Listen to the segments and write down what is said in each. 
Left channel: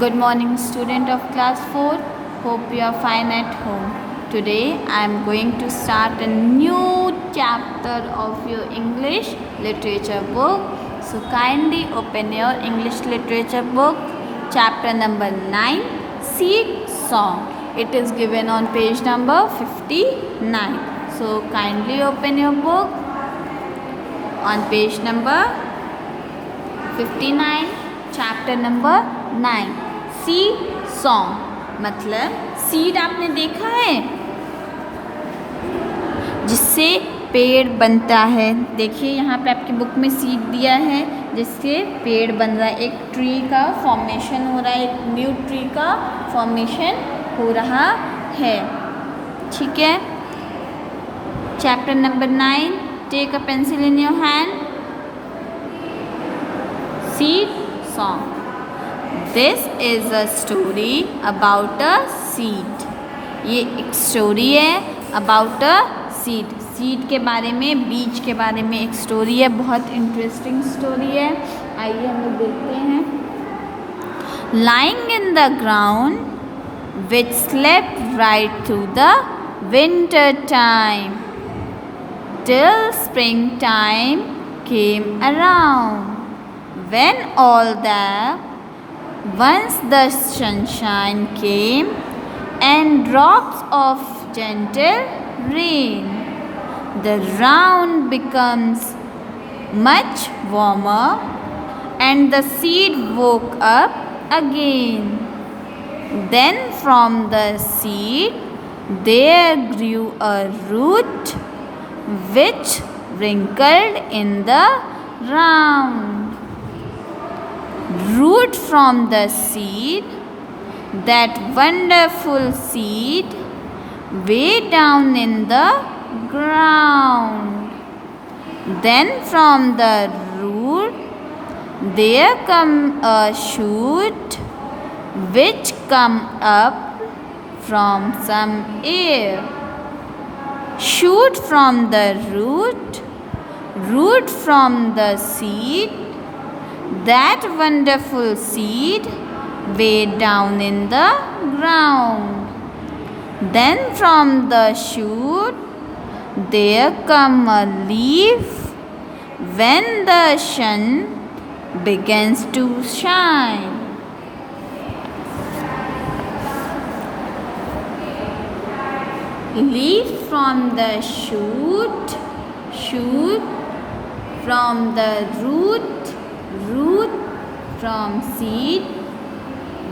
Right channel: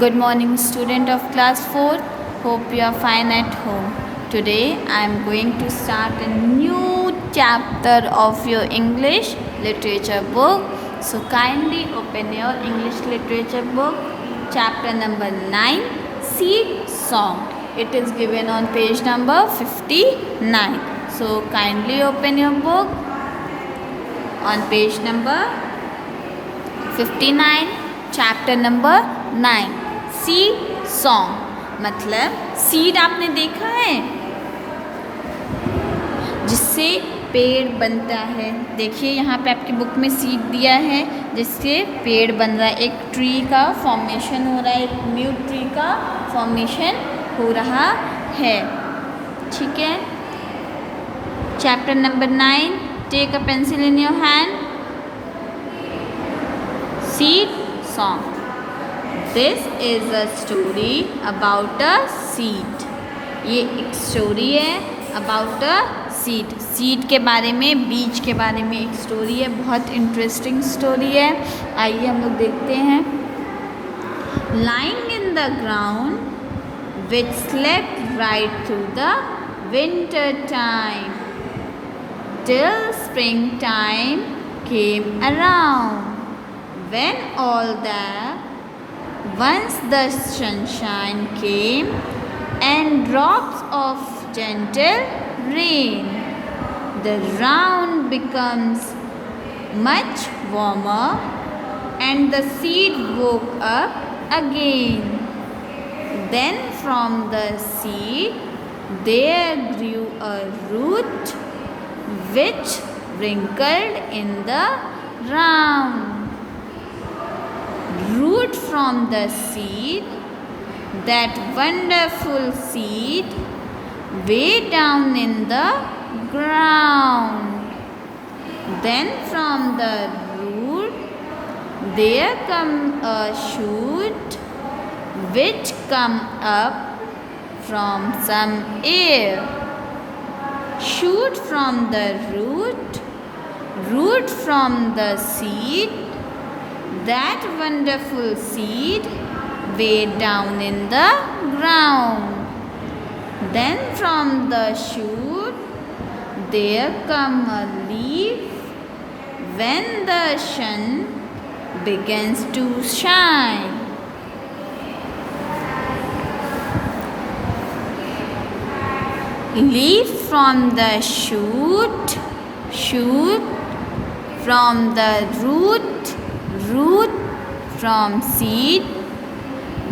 Good morning, student of class 4. Hope you are fine at home. Today I am going to start a new chapter of your English literature book. So kindly open your English literature book, chapter number 9, Seed Song. It is given on page number 59. So kindly open your book on page number 59, chapter number 9, seed song. मतलब seed आपने देखा है जिससे पेड़ बनता है। देखिए यहाँ पे आपकी बुक में सीड दिया है जिससे पेड़ बन रहा है, एक ट्री का फॉर्मेशन हो रहा है, एक न्यू ट्री का फॉर्मेशन हो रहा है। ठीक है, chapter number 9, take a pencil in your hand, seed song. This is a story about a seed. ये एक स्टोरी है about a seed. सीड के बारे में, बीज के बारे में एक स्टोरी है, बहुत इंटरेस्टिंग स्टोरी है। आइए हम लोग देखते हैं। Lying in the ground, which slept right through the winter time, till springtime came around, when all that once the sunshine came and drops of gentle rain, the ground becomes much warmer and the seed woke up again. Then from the seed there grew a root which wrinkled in the ground. Root from the seed, that wonderful seed, way down in the ground. Then from the root there come a shoot which come up from some air. Shoot from the root, root from the seed, that wonderful seed way down in the ground. Then from the shoot there come a leaf when the sun begins to shine. Leaf from the shoot, shoot from the root, root from seed,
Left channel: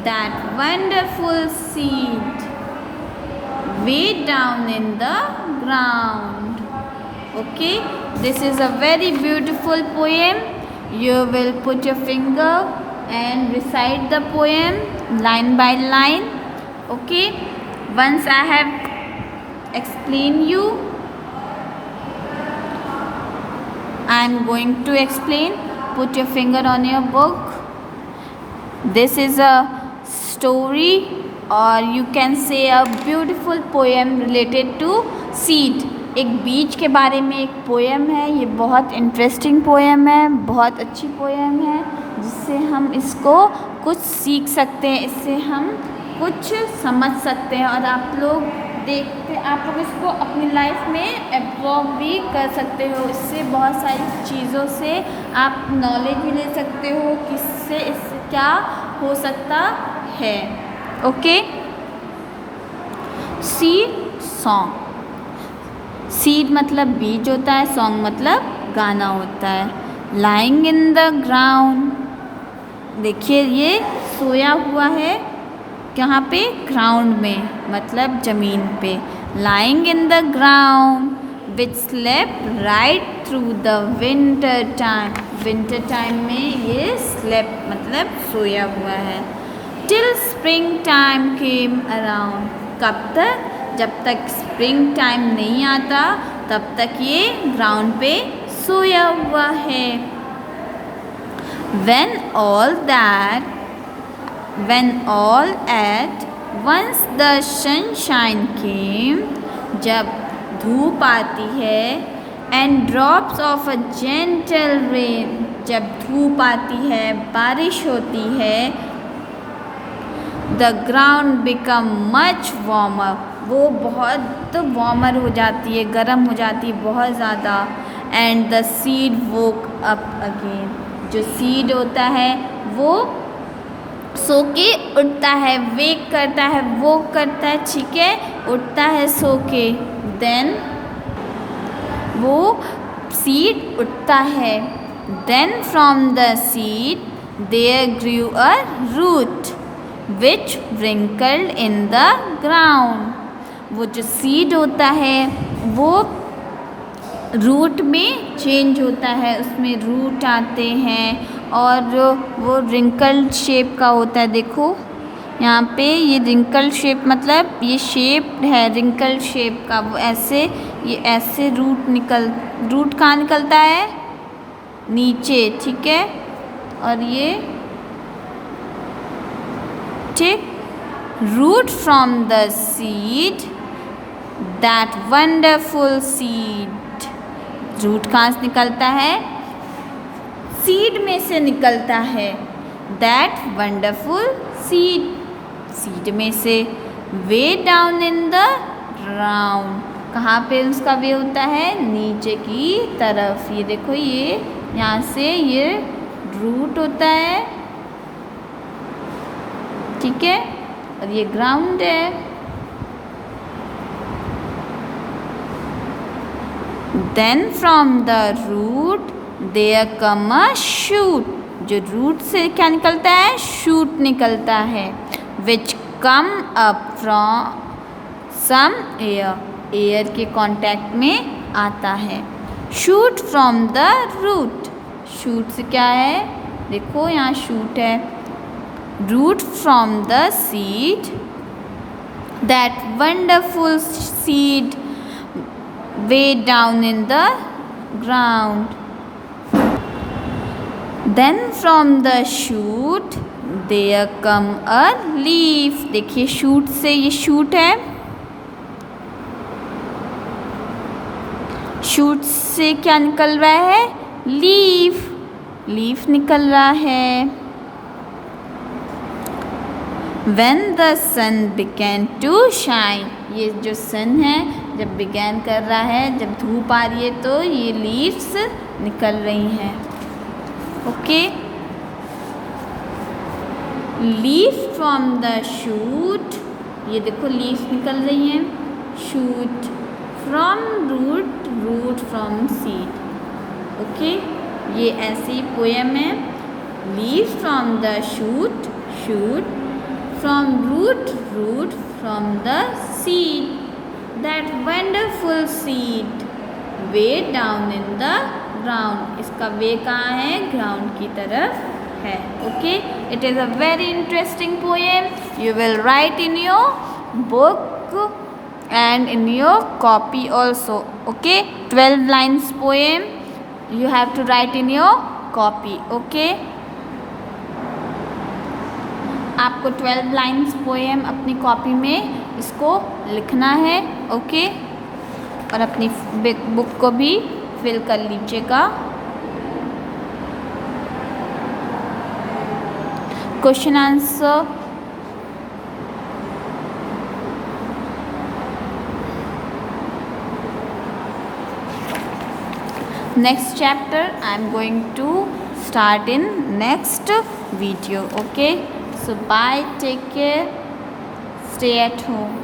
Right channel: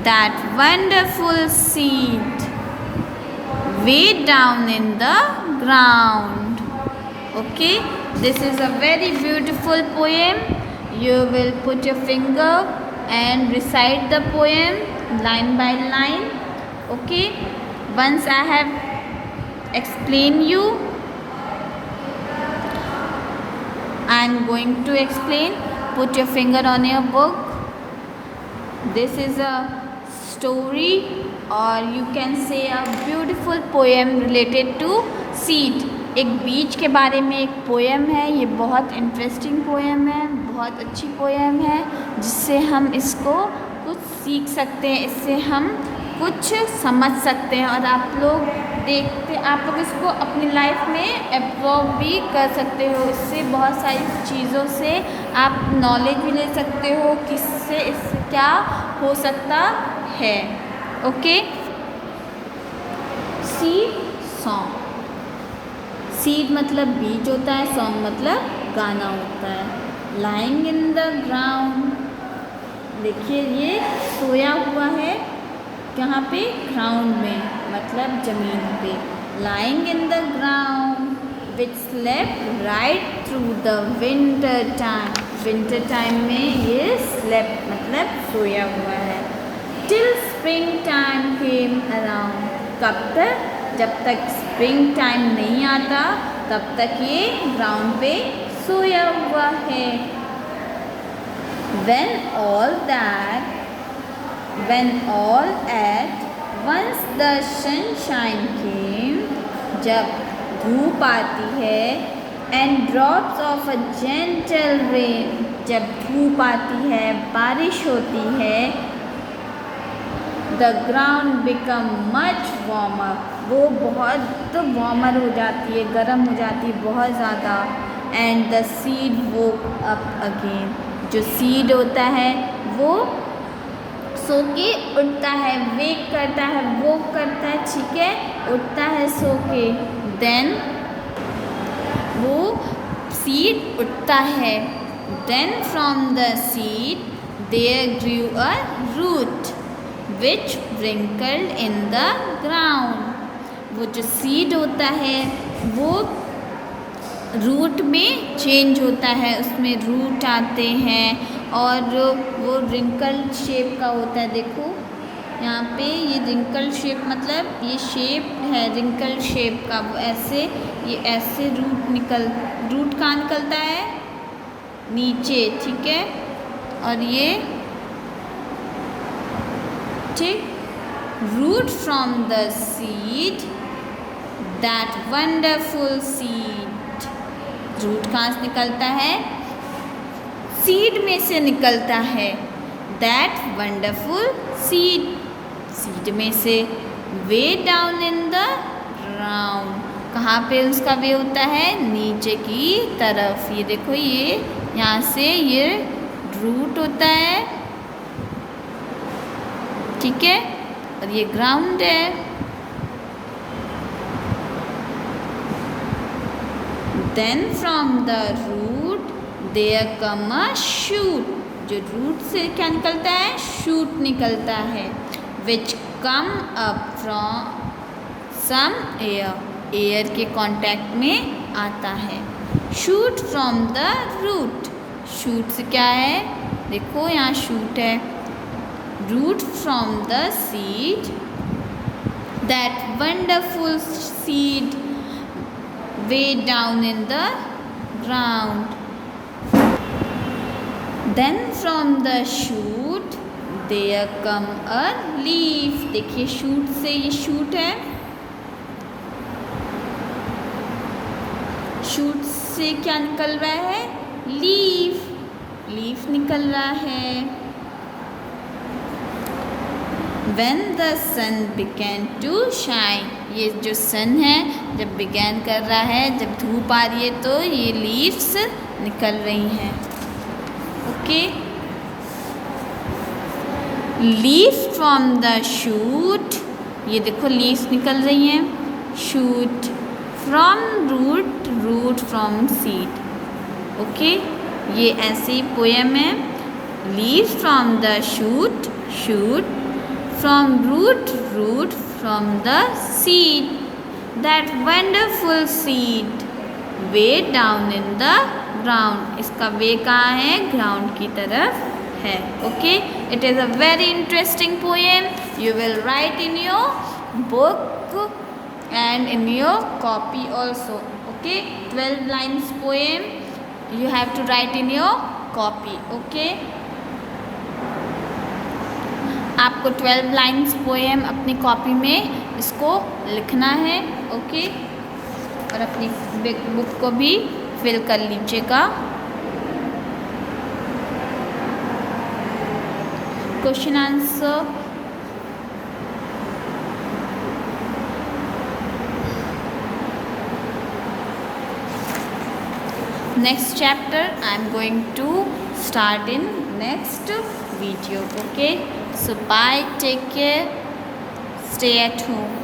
that wonderful seed way down in the ground. Okay, this is a very beautiful poem. You will put your finger and recite the poem line by line. Okay, once I have explained you, I am going to explain. Put your finger on your book. This is a story or you can say a beautiful poem related to seed. एक बीज के बारे में एक poem है। ये बहुत interesting poem है, बहुत अच्छी पोएम है जिससे हम इसको कुछ सीख सकते हैं, इससे हम कुछ समझ सकते हैं और आप लोग इसको अपनी लाइफ में एब्जॉर्ब भी कर सकते हो। इससे बहुत सारी चीज़ों से आप नॉलेज भी ले सकते हो कि इससे क्या हो सकता है। Okay, seed song. सीड मतलब बीज होता है, सॉन्ग मतलब गाना होता है। लाइंग इन द ग्राउंड, देखिए ये सोया हुआ है कहाँ पे, ग्राउंड में, मतलब ज़मीन पे। Lying in the ground which slept right through the winter time, winter time में ये स्लेप्ट मतलब सोया हुआ है। Till spring time came around, कब तक, जब तक स्प्रिंग टाइम नहीं आता तब तक ये ग्राउंड पे सोया हुआ है। When all at once the sunshine came, जब धूप आती है, and drops of a gentle rain, जब धूप आती है, बारिश होती है, the ground become much warmer, वो बहुत वार्मर हो जाती है, गर्म हो जाती है बहुत ज़्यादा। And the seed woke up again, जो सीड होता है वो सो के उठता है, वेक करता है, वो करता है, ठीक है, उठता है सो के। देन वो सीड उठता है। Then from the seed there grew a root which wrinkled in the ground, वो जो सीड होता है वो रूट में चेंज होता है, उसमें रूट आते हैं और वो रिंकल्ड शेप का होता है। देखो यहाँ पे ये रिंकल्ड शेप मतलब ये शेप है रिंकल्ड शेप का, वो ऐसे ये ऐसे रूट कहाँ निकलता है, नीचे, ठीक है। और ये ठीक, root from the seed, that wonderful seed, root कहाँ से निकलता है, सीड में से निकलता है। दैट वंडरफुल सीड, सीड में से। वे डाउन इन द ग्राउंड, कहाँ पे उसका वे होता है, नीचे की तरफ। ये देखो ये यहाँ से ये रूट होता है, ठीक है, और ये ग्राउंड है। Then from the root there come a shoot, जो रूट से क्या निकलता है, शूट निकलता है। Which come up from some air, air के कांटेक्ट में आता है। Shoot from the root, shoot से क्या है, देखो यहाँ शूट है। Root from the seed, that wonderful seed way down in the ground. Then from the shoot there come a leaf, देखिए शूट से, ये शूट है, शूट से क्या निकल रहा है, लीफ, लीफ निकल रहा है। When the sun began to shine, ये जो सन है जब बिगैन कर रहा है, जब धूप आ रही है तो ये लीव्स निकल रही हैं। Okay, leaves from the shoot, ये देखो लीव्स निकल रही हैं, shoot from root, root from seed. Okay, ये ऐसी पोएम है। Leaves from the shoot, shoot from root, root from the seed, that wonderful seed way down in the ground, इसका वे कहाँ है, ग्राउंड की तरफ है। Okay, it is a very interesting poem, you will write in your book and in your copy also. Okay, 12 lines poem you have to write in your copy. Okay, आपको 12 lines poem अपनी copy में इसको लिखना है। Okay, और अपनी book को भी फिल कर लीजिएगा। Question answer, next chapter I am going to start in next video. Okay, so bye, take care, stay at home.